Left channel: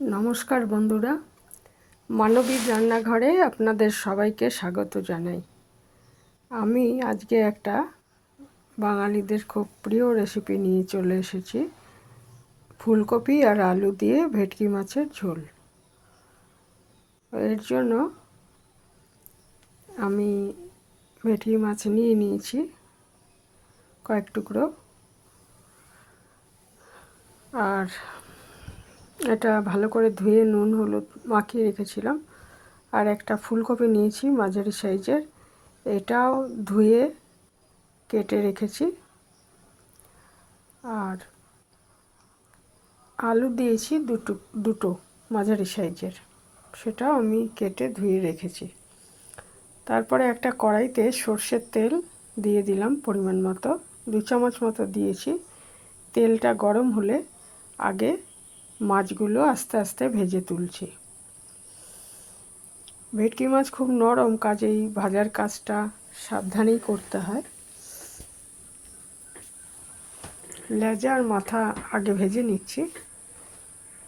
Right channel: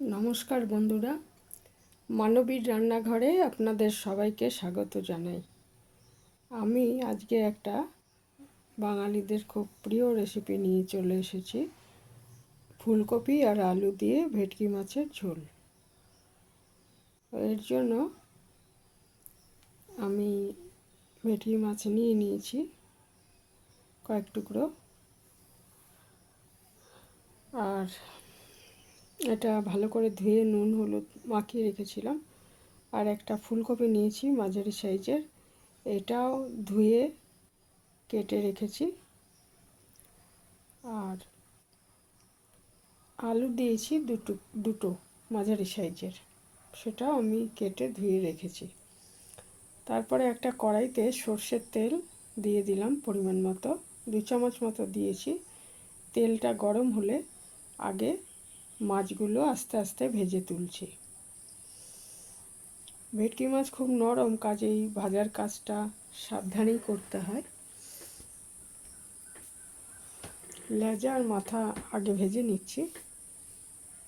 নমস্কার বন্ধুরা, মানবীর রান্নাঘরে আপনাদের সবাইকে স্বাগত জানাই। আমি আজকে একটা বাঙালিদের খুব প্রিয় রেসিপি নিয়ে চলে এসেছি, ফুলকপি আর আলু দিয়ে ভেটকি মাছের ঝোল। এর জন্য আমি ভেটকি মাছ নিয়ে নিয়েছি কয়েক টুকরো, আর এটা ভালো করে ধুয়ে নুন হলুদ মাখিয়ে রেখেছিলাম। আর একটা ফুলকপি নিয়েছি মাঝারি সাইজের, এটাও ধুয়ে কেটে রেখেছি। আর আলু দিয়েছি দুটো মাঝারি সাইজের, সেটাও আমি কেটে ধুয়ে রেখেছি। তারপরে একটা কড়াইতে সর্ষের তেল দিয়ে দিলাম পরিমাণ মতো, 2 চামচ মতো দিয়েছি। তেলটা গরম হলে আগে মাছগুলো আস্তে আস্তে ভেজে তুলছি। ভেটকি মাছ খুব নরম, কাজেই ভাজার কাজটা সাবধানেই করতে হয়। লেজা আর মাথা আগে ভেজে নিচ্ছি,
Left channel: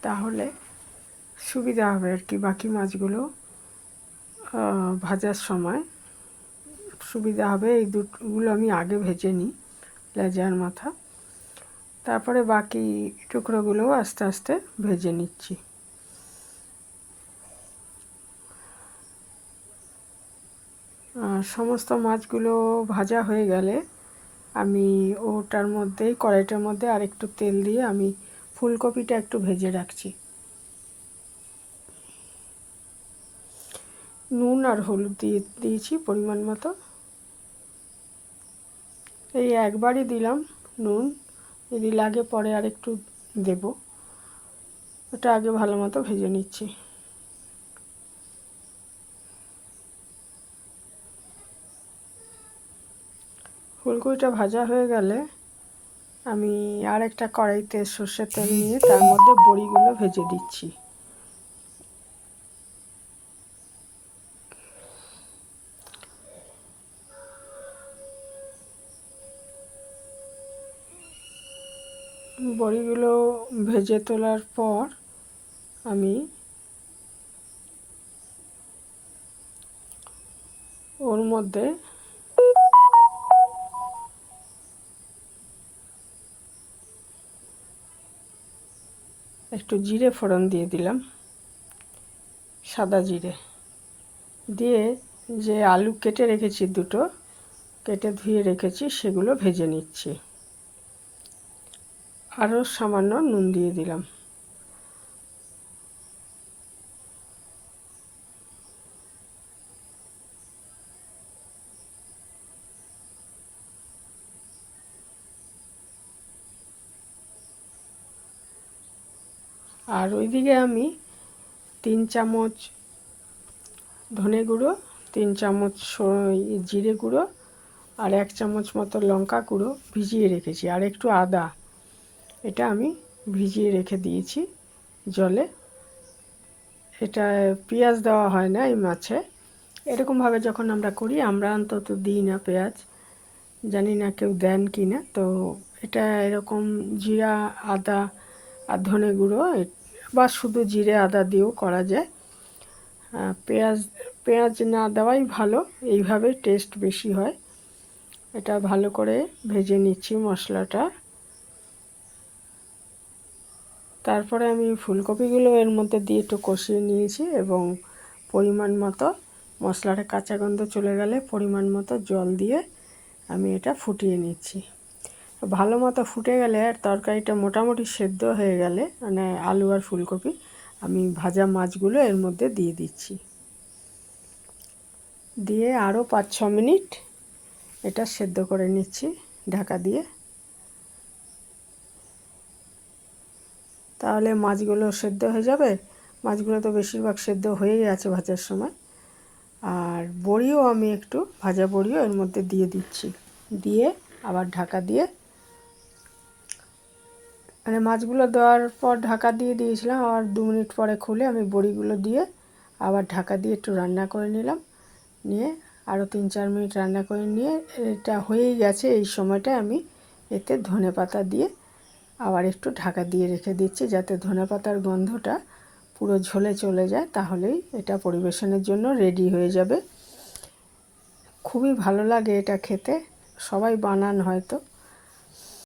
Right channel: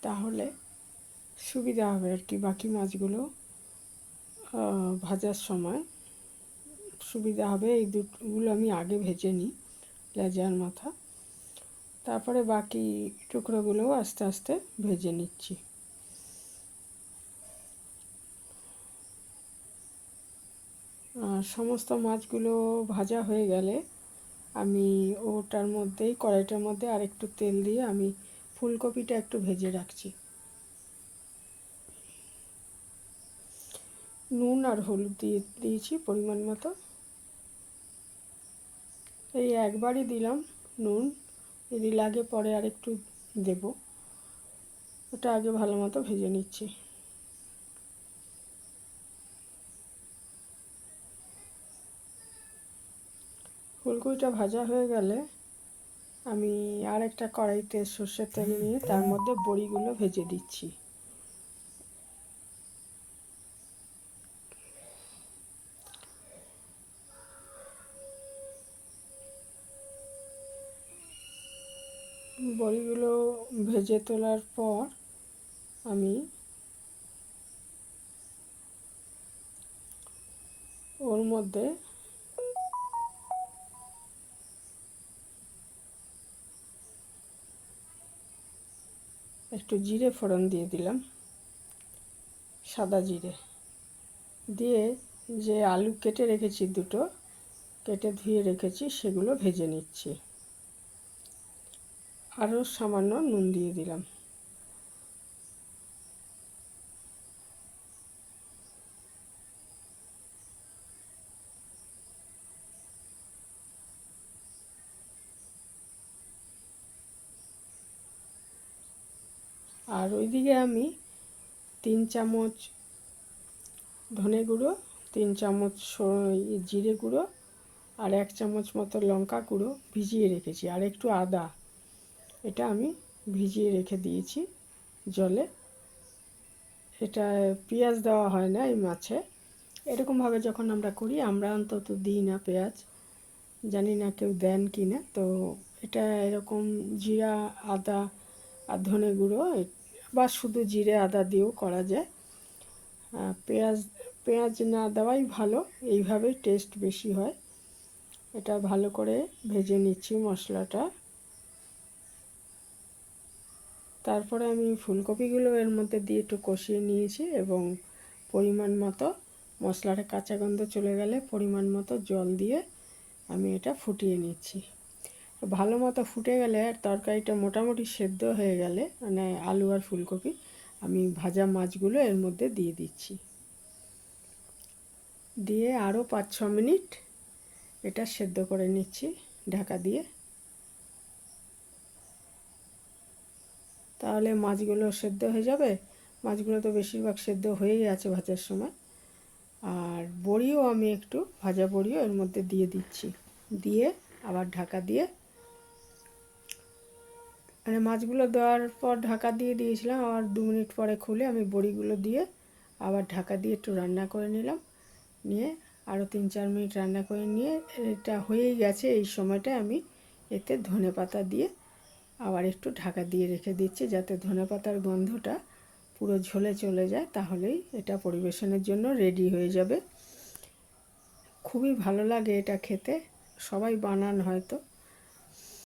তাহলে সুবিধা হবে আর কি, বাকি মাছগুলো ভাজার সময় সুবিধা হবে। এই দুটোগুলো আমি আগে ভেজে নিই, লেজা আর মাথা। তারপরে বাকি টুকরোগুলোও আস্তে আস্তে ভেজে নিচ্ছি। সমস্ত মাছগুলো ভাজা হয়ে গেলে আমি ওটার মধ্যে, কড়াইটার মধ্যে আরেকটু তেল দিয়ে আমি ফুলকপিটা একটু ভেজে রাখছি। নুন আর হলুদ দিয়েছি পরিমাণ মতো। এই একবারই দিলাম নুন, যদি লাগে পরে আরেকটু দেব। ওটা আগে ভালো মতো ভেজে নিচ্ছি। ফুলকপিটা ভাজা হয়ে গেলে আমি আর একটা কড়াইতে সর্ষের তেল নিয়ে তার মধ্যে বড়িগুলো ভেজে দিচ্ছি। বড়িগুলো ভেজে তোলার পর আমি ওর মধ্যে একটু জিরে ফোড়ন দিয়ে দিলাম, সাদা জিরে দিয়ে যে আলু কেটে রেখেছি, দুটো কেটে ধুয়ে রেখেছি, সেগুলো ভেজে নিচ্ছি। আরও সামান্য নুন দিয়ে দিলাম। আর ওইদিকে আমি 3 চামচ ধনে গুঁড়ো, 3 চামচ জিরে গুঁড়ো আর 1 চামচ মতো লঙ্কা গুঁড়ো ভিজিয়ে রেখেছি। আর একটু আদা, এটা আমি ভিজিয়ে রেখে দিয়েছি জলে। এটা পেঁয়াজ দেওয়া হয় না এই মাছে, এরকমভাবে যখন আমরা করি, আমরা অন্তত দিই না পেঁয়াজ, জানি না কেউ দেন কি না। তো এটা এরকম জিরা, আদা আর ধনে গুঁড়ো বা শুধু জিরে আদা দিয়েও করা যায়। পেঁয়াজ না দেওয়াই ভালো, এইভাবে টেস্ট বেশি হয়। এটা ভালো করে ভেজে নিচ্ছি মশলাটা। তারপরে আমি ফুলকপিগুলো এর মধ্যে দিয়ে একটু কষিয়ে নিয়েছি এবং পরিমাণ মতো, মশলাটা কাঁচা গন্ধ চলে গেলে পরিমাণ মতো জল দিয়ে আমি এটা ফুটিয়ে নিচ্ছি। ভালো মতো ফুটে গেলে আর তরকারিটা মোটামুটি সেদ্ধ হয়ে গেলে, মানে আলু আর ফুলকপি, আমি ভাজা মাছগুলো এর মধ্যে দিয়ে দিচ্ছি। দিয়ে আরও 5-6 মিনিট এটা সেদ্ধ করে নিচ্ছি ঢাকা দিয়ে। তাহলে মাছগুলো সেদ্ধ হয়ে যাবে। মাছগুলো তো বেশিরভাগ সেদ্ধ হয়েই আছে ভাজার সময়। আর বড়িও আমি একটু ভাজা বড়িও এর মধ্যে দিয়ে দিচ্ছি, দিয়ে আবার ঢাকা দিয়ে, মানে মাছগুলো দেওয়ার পর ঢাকা দিয়ে দিয়েছিলাম, আবার 2 মিনিট পরে খুলে আমি বড়িগুলো দিয়ে আবার ঢাকা দিয়ে একটু রান্না করে নিলাম। নিয়ে আরও 3-4 মিনিট রান্না করে নিয়ে, এটা হয়েই গেছে। এই সময়টা আমি এতে ধনেপাতা দিয়ে আবার একটু ঢাকা দিয়ে রেখে দিচ্ছি, যাতে ধনেপাতার গন্ধটা পুরো ঝোলে চলে যায়, তাহলেই এটা পরিবেশনের জন্য রেডি হয়ে যাবে। খুবই ভালো লাগে এটা খেতে, সবাই বানান হয়তো।